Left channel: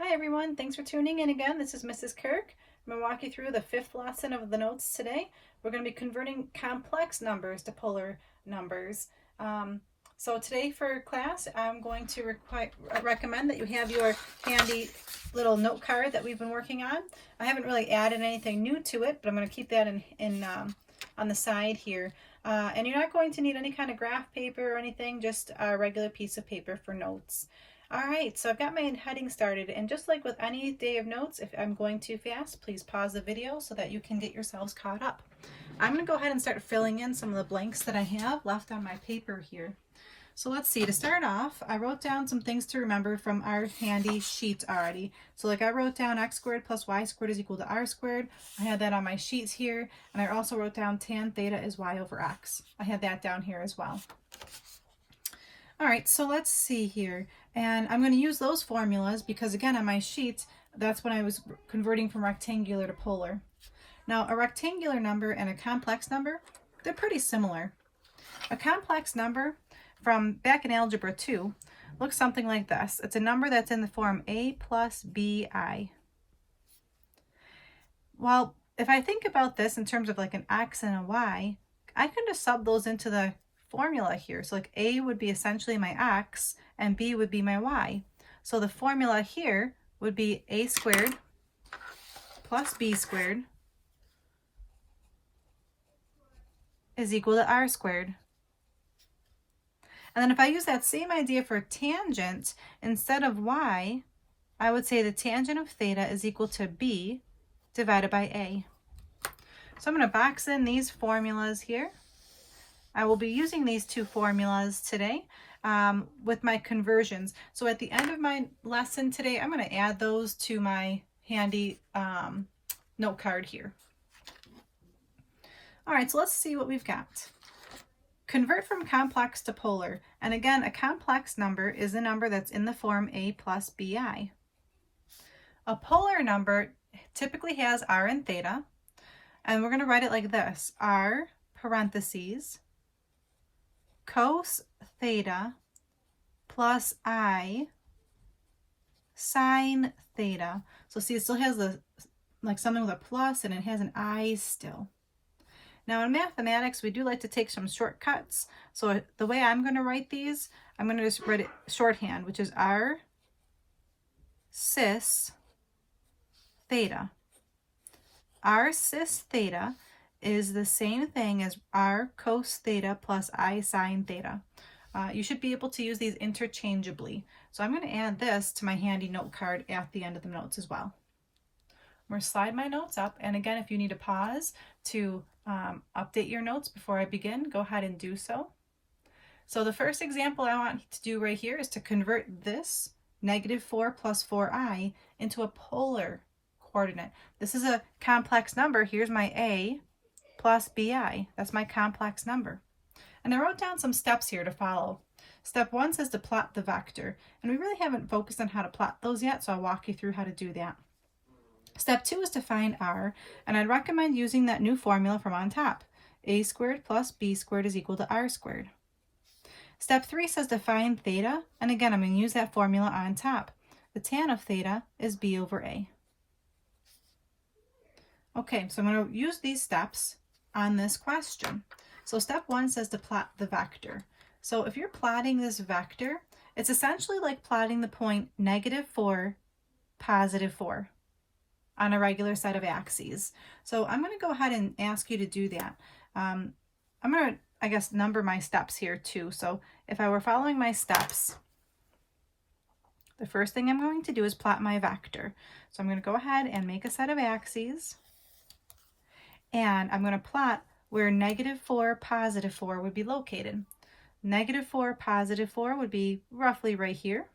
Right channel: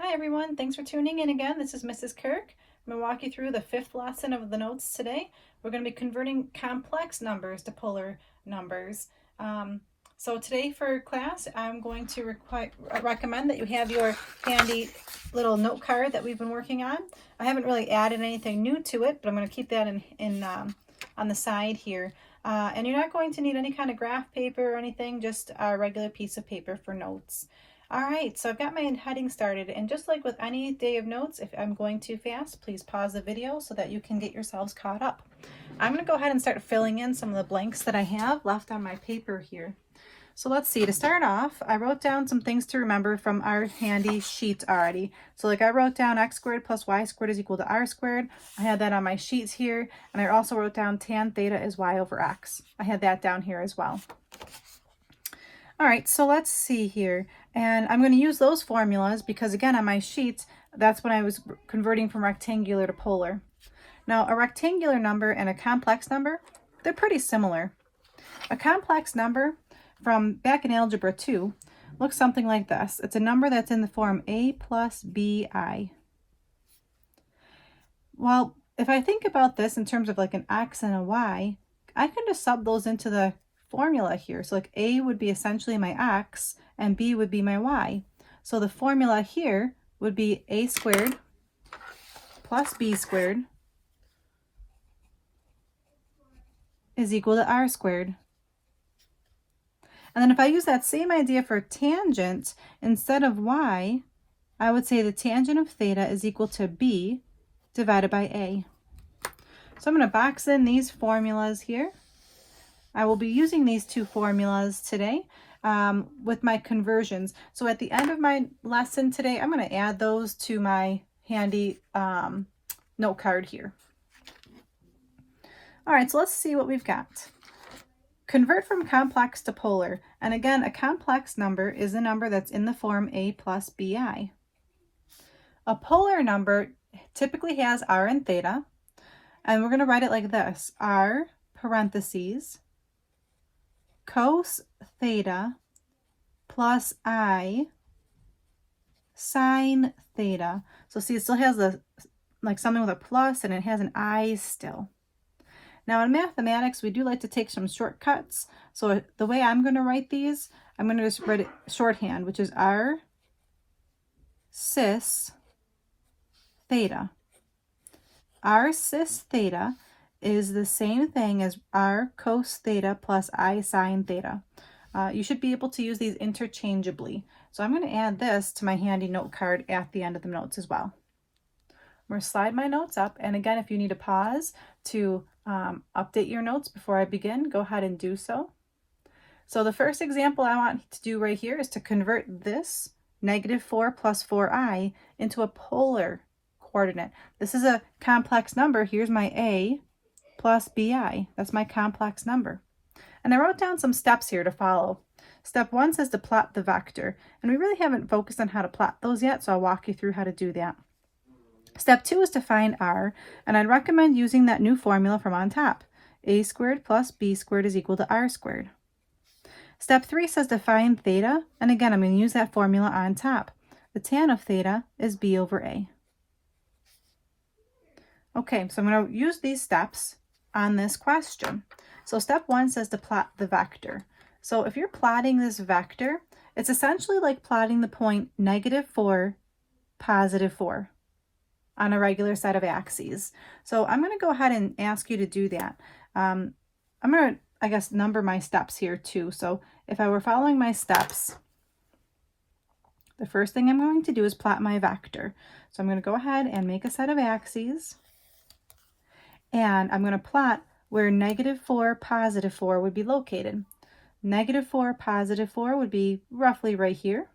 Hi everyone, thanks for tuning in again. This is Mrs. Kirk. I'm going to walk you through the fifth lesson of the notes today. We're going to be converting complex numbers to polar numbers. So today for class, I'm going to recommend that you have your handy little note card that we've been working on. I haven't really added anything new to it, but I'm going to keep that on the side here. And you're not going to need any kind of graph paper or anything, just a regular piece of paper for notes. All right, so I've got my heading started, and just like with any day of notes, if I'm going too fast, please pause the video so that you can get yourselves caught up. I'm going to go ahead and start filling in some of the blanks that I have left on my paper here. So let's see, to start off, I wrote down some things to remember from our handy sheets already. So like I wrote down x squared plus y squared is equal to r squared. I had that on my sheets here, and I also wrote down tan theta is y over x. I had that down here as well. All right, so let's see here. And I'm going to use those formulas because, again, on my sheets, that's when I was converting from rectangular to polar. Now, a rectangular number and a complex number, they're pretty similar. A complex number from back in Algebra 2 looks something like this. It's a number that's in the form a plus bi. Well, if I think about this in terms of like an x and a y, I can just sub those into the formula here. So like a would be essentially my x and b would be my y. So the formula here would be a squared plus b squared is equal to r squared. And then if I use that same idea for tangent, instead of y, I would say the tangent of theta is equal to b divided by a. So I'm going to box in these formulas here. I will be using these two formulas today with my conversions. So at the end of my lesson today, I'm going to add those to my handy note card here. All right, so let's see what we've got. Convert from complex to polar. And again, a complex number is a number that's in the form a plus bi. A polar number typically has r and theta, and we're going to write it like this: r parentheses cos theta plus I sine theta. So see, it still has like something with a plus, and it has an I still. Now in mathematics, we do like to take some shortcuts. So the way I'm going to write these, I'm going to just write it shorthand, which is r cis theta. R cis theta is the same thing as r cos theta plus I sine theta. You should be able to use these interchangeably. So I'm going to add this to my handy note card at the end of the notes as well. I'm going to slide my notes up, and again, if you need a pause to update your notes before I begin, go ahead and do so. So the first example I want to do right here is to convert this -4 plus 4i into a polar coordinate. This is a complex number. Here's my a plus bi. That's my complex number. And I wrote down some steps here to follow. Step 1 says to plot the vector, and we really haven't focused on how to plot those yet, so I'll walk you through how to do that. Step 2 is to find r, and I'd recommend using that new formula from on top. A squared plus b squared is equal to r squared. Step 3 says to find theta, and again, I'm going to use that formula on top. The tan of theta is b over a. Okay, so I'm going to use these steps on this question. So step 1 says to plot the vector. So if you're plotting this vector, it's essentially like plotting the point -4, +4 on a regular set of axes. So I'm going to go ahead and ask you to do that. I'm going to, I guess, number my steps here too. So if I were following my steps, the first thing I'm going to do is plot my vector. So I'm going to go ahead and make a set of axes, and I'm going to plot where -4, +4 would be located. -4, +4 would be roughly right here.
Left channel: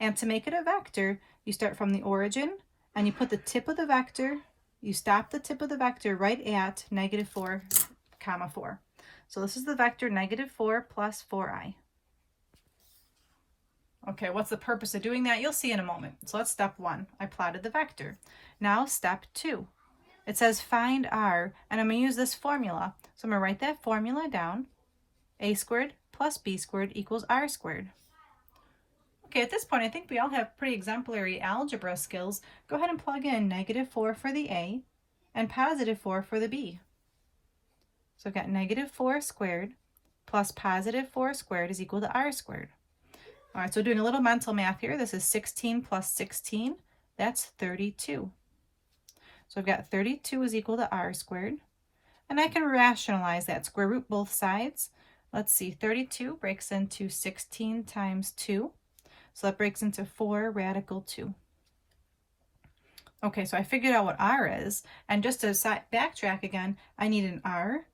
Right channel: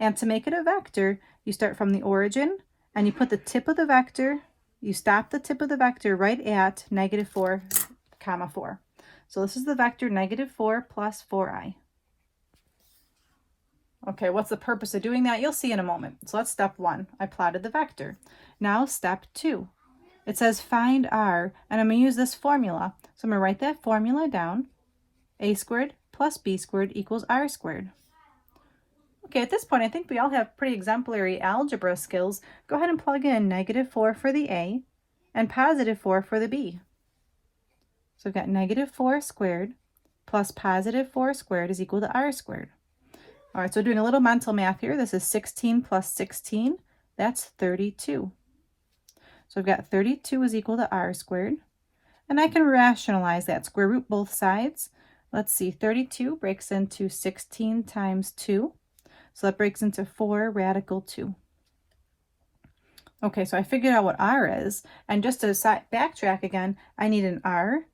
And to make it a vector, you start from the origin and you put the tip of the vector, you stop the tip of the vector right at -4, 4. So this is the vector -4 plus 4i. Okay, what's the purpose of doing that? You'll see in a moment. So let's step 1. I plotted the vector. Now step 2. It says find r, and I'm going to use this formula. So I'm going to write that formula down. A squared plus b squared equals r squared. Okay, at this point, I think we all have pretty exemplary algebra skills. Go ahead and plug in -4 for the A and +4 for the B. So we've got -4 squared plus +4 squared is equal to r squared. All right, so doing a little mental math here, this is 16 plus 16, that's 32. So we've got 32 is equal to r squared, and I can rationalize that, square root both sides. Let's see, 32 breaks into 16 times 2, so that breaks into 4 radical 2. Okay, so I figured out what r is, and just to backtrack again, I need an r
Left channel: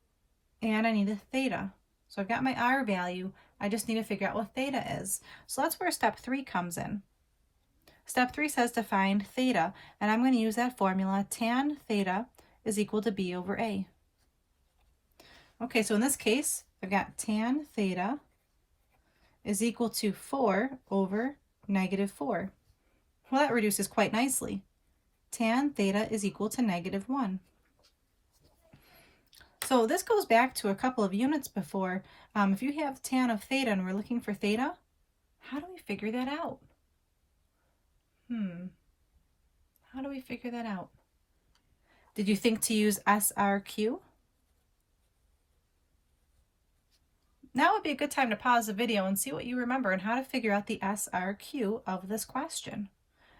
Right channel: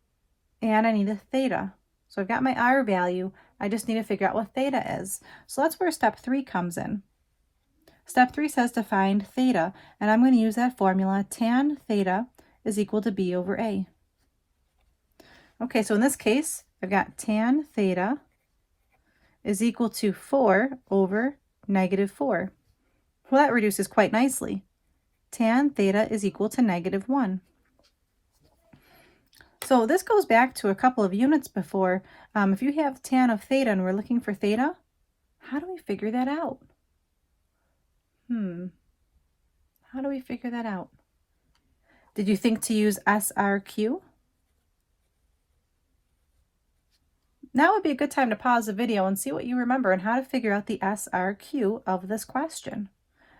and I need a theta. So I've got my r value, I just need to figure out what theta is. So that's where step 3 comes in. Step 3 says to find theta, and I'm going to use that formula, tan theta is equal to b over a. Okay, so in this case, I've got tan theta is equal to 4 over -4. Well, that reduces quite nicely. Tan theta is equal to -1. So this goes back to a couple of units before. If you have tan of theta and we're looking for theta, how do we figure that out? How do we figure that out? Did you think to use SRQ? Now would be a good time to pause the video and see what you remember and how to figure out the SRQ of this question.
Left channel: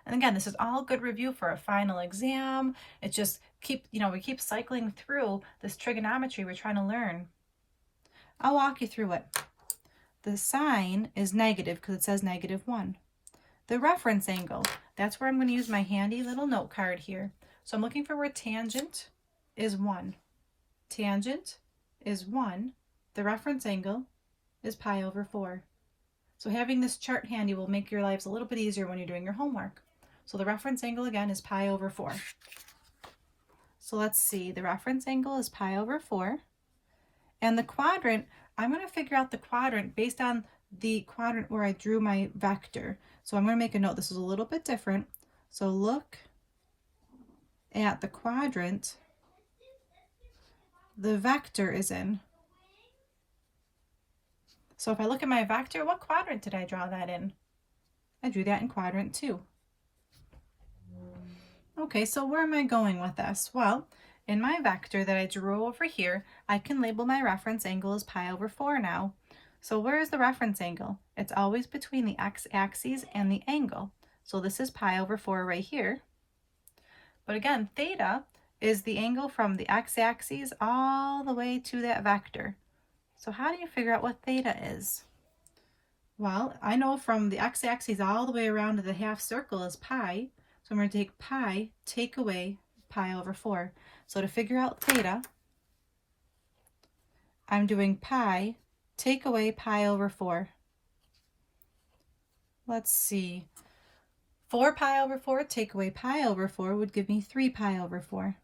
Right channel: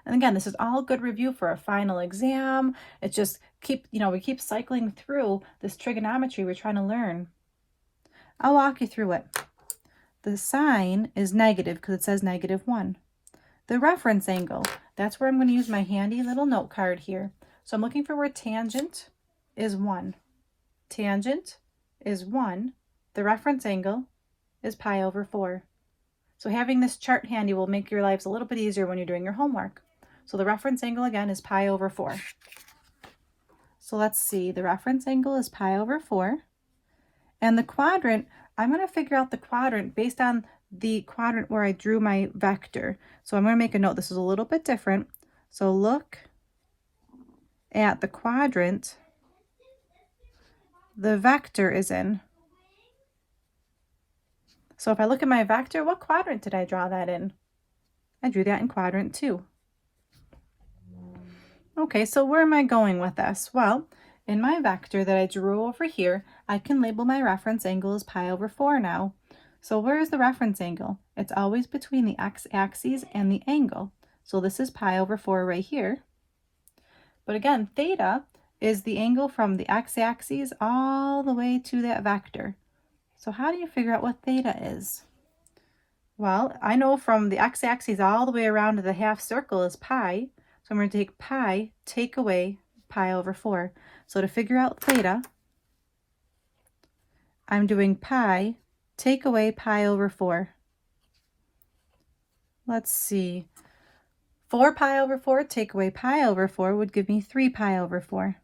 And again, this is all good review for a final exam. It just we keep cycling through this trigonometry we're trying to learn. I'll walk you through it. The sign is negative because it says -1. The reference angle, that's where I'm going to use my handy little note card here. So I'm looking for where tangent is 1. Tangent is 1. The reference angle is pi over 4. So having this chart handy will make your lives a little bit easier when you're doing your homework. So the reference angle again is pi over 4. So let's see, the reference angle is pi over 4. And the quadrant, I'm going to figure out the quadrant based on the quadrant where I drew my vector. So I'm going to make a note, this is a little bit different. So look at the quadrant the vector is in. So if I look at my vector, what quadrant did I draw that in? I drew that in quadrant 2. Okay, so where am I going with this? Well, in my vector that I drew over here, I can label my reference angle as pi over 4 now. So where is the reference angle? It's always between the x-axis and the angle. So this is pi over 4 right here. But again, theta is the angle from the x-axis all the way to that vector. So how do you figure out what theta is? Well, I know from the x-axis all the way around to the half circle is pi. So I'm going to take pi, take away pi over 4. So to figure out theta, I'm doing pi, take away pi over 4. Let's see. 4 pi over 4, take away pi over 4 would give me 3 pi over 4.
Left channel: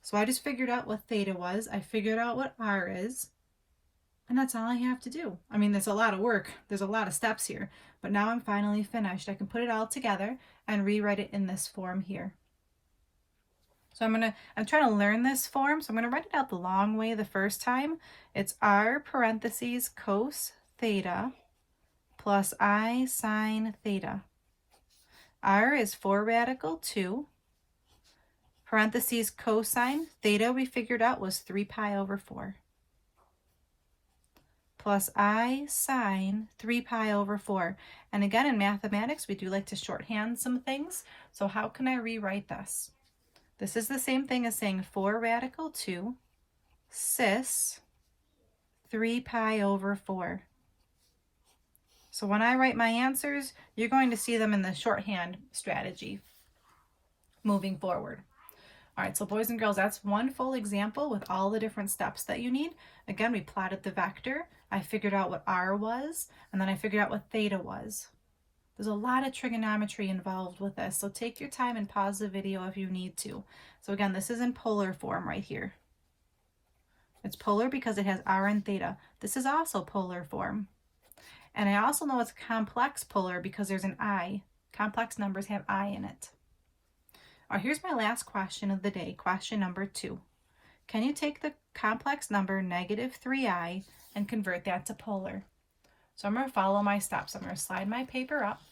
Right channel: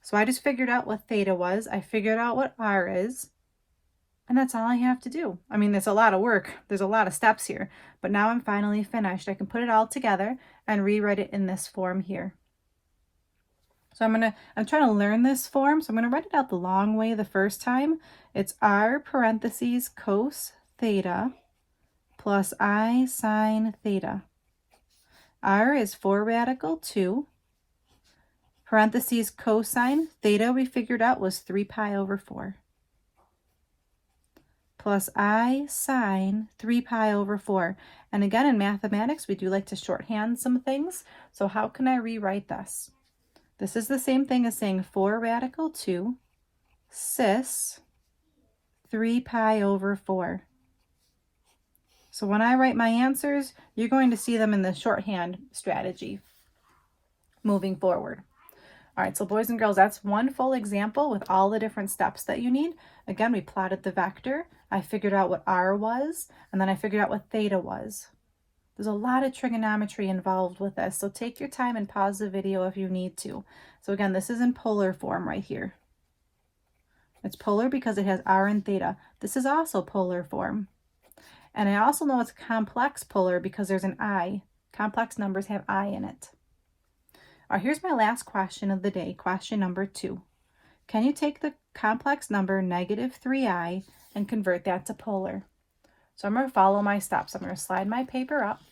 So I just figured out what theta was. I figured out what r is. And that's all I have to do. I mean, there's a lot of work. There's a lot of steps here. But now I'm finally finished. I can put it all together and rewrite it in this form here. So I'm trying to learn this form. So I'm going to write it out the long way the first time. It's r parentheses cos theta plus I sine theta. R is 4 radical 2. Parentheses cosine theta we figured out was 3 pi over 4. Plus I sine 3 pi over 4. And again, in mathematics, we do like to shorthand some things. So how can I rewrite this? This is the same thing as saying 4 radical 2 cis 3 pi over 4. So when I write my answers, you're going to see them in the shorthand strategy moving forward. All right, so boys and girls, that's one full example with all the different steps that you need. Again, we plotted the vector. I figured out what r was, and then I figured out what theta was. There's a lot of trigonometry involved with this, so take your time and pause the video if you need to. So again, this is in polar form right here. It's polar because it has r and theta. This is also polar form. And I also know it's complex polar because there's an I. Complex numbers have I in it. All right, here's my last question of the day, question number 2. Can you take the complex number -3i and convert that to polar? So I'm going to follow my steps. I'm going to slide my paper up.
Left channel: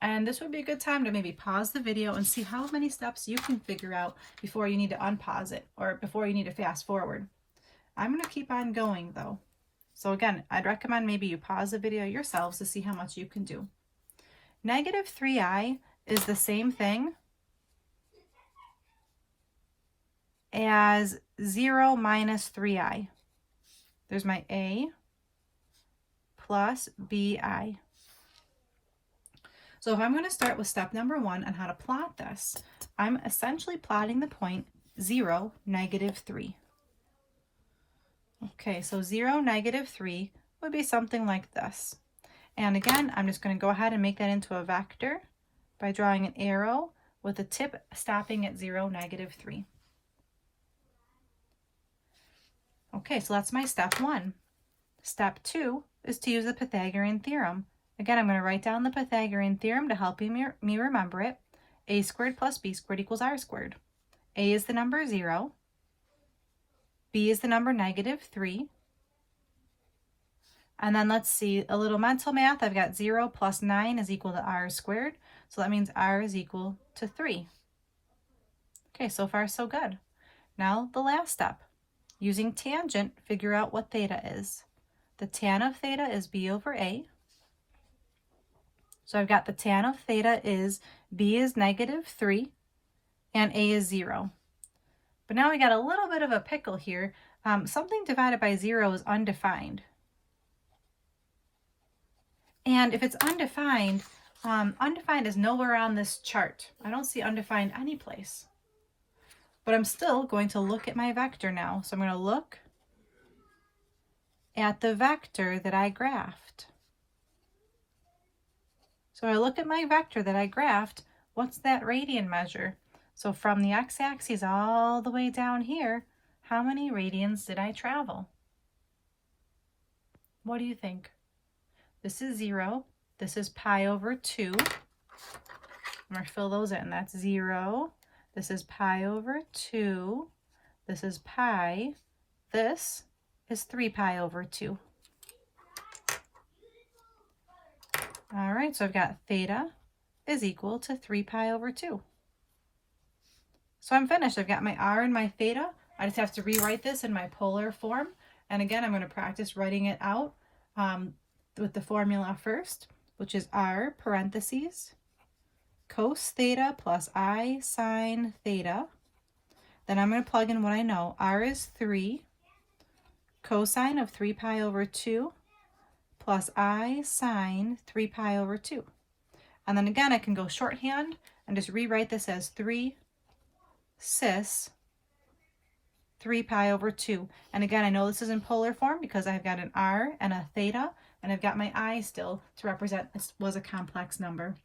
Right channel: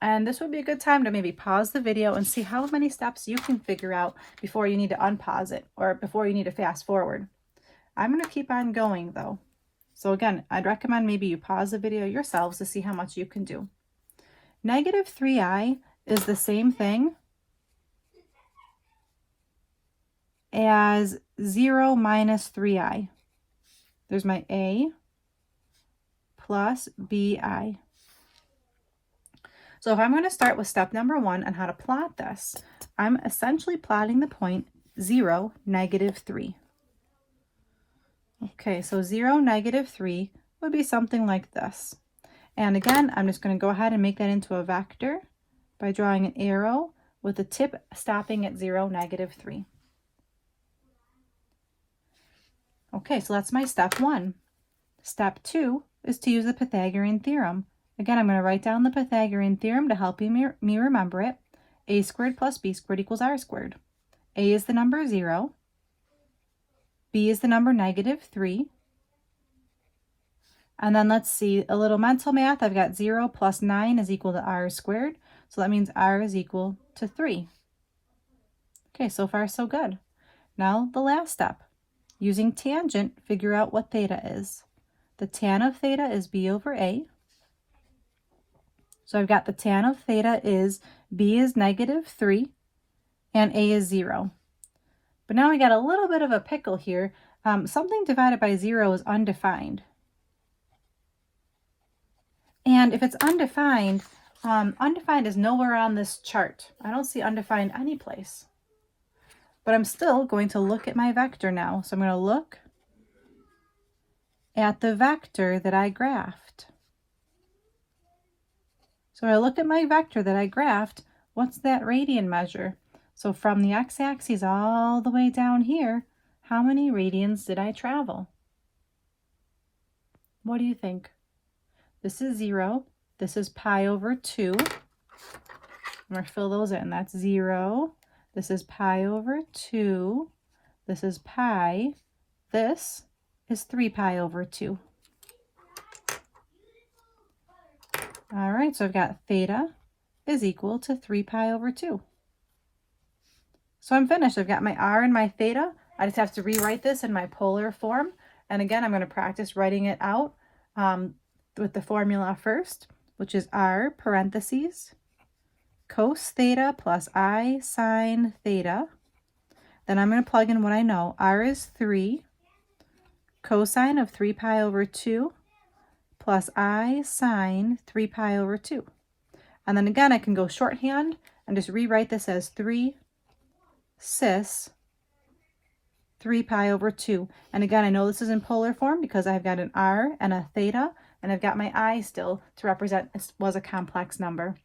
And this would be a good time to maybe pause the video and see how many steps you can figure out before you need to unpause it or before you need to fast forward. I'm going to keep on going though. So again, I'd recommend maybe you pause the video yourselves to see how much you can do. Negative 3i is the same thing as 0 minus 3i. There's my a plus bi. So if I'm going to start with step number 1 on how to plot this, I'm essentially plotting the point 0, negative 3. Okay, so 0, negative 3 would be something like this. And again, I'm just going to go ahead and make that into a vector by drawing an arrow with the tip stopping at 0, negative 3. Okay, so that's my step 1. Step 2 is to use the Pythagorean theorem. Again, I'm going to write down the Pythagorean theorem to help me remember it. A squared plus b squared equals r squared. A is the number 0. B is the number negative 3. And then let's see, a little mental math. I've got 0 plus 9 is equal to r squared. So that means r is equal to 3. Okay, so far so good. Now the last step. Using tangent, figure out what theta is. The tan of theta is b over a. So I've got the tan of theta is b is negative 3 and a is 0. But now we got a little bit of a pickle here. Something divided by 0 is undefined. And if it's undefined, undefined is nowhere on this chart. I don't see undefined any place. But I'm still going to look at my vector now. So I'm going to look at the vector that I graphed. So I look at my vector that I graphed, what's that radian measure? So from the x-axis all the way down here, how many radians did I travel? What do you think? This is 0. This is pi over 2. I'm going to fill those in. That's 0. This is pi over 2. This is pi. This is 3 pi over 2. All right, so I've got theta is equal to 3 pi over 2. So I'm finished. I've got my r and my theta. I just have to rewrite this in my polar form. And again, I'm going to practice writing it out with the formula first, which is r parentheses cos theta plus I sine theta. Then I'm going to plug in what I know. R is 3 cosine of 3 pi over 2 plus I sine 3 pi over 2. And then again, I can go shorthand and just rewrite this as 3 cis 3 pi over 2. And again, I know this is in polar form because I've got an r and a theta, and I've got my I still to represent this was a complex number.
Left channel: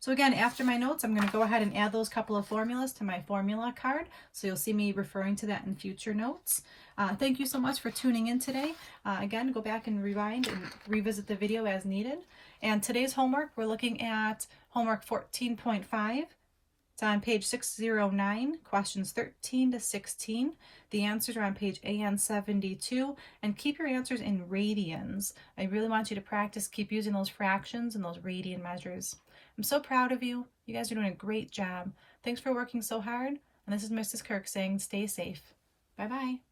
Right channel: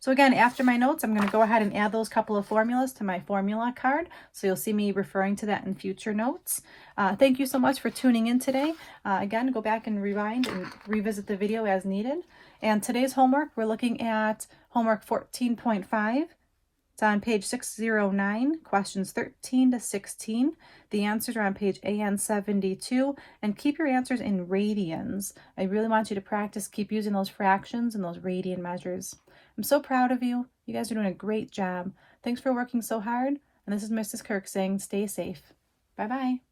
So again, after my notes, I'm going to go ahead and add those couple of formulas to my formula card. So you'll see me referring to that in future notes. Thank you so much for tuning in today. Again, go back and rewind and revisit the video as needed. And today's homework, we're looking at homework 14.5. It's on page 609, questions 13 to 16. The answers are on page AN 72, and keep your answers in radians. I really want you to practice, keep using those fractions and those radian measures. I'm so proud of you. You guys are doing a great job. Thanks for working so hard. And this is Mrs. Kirk saying stay safe. Bye-bye.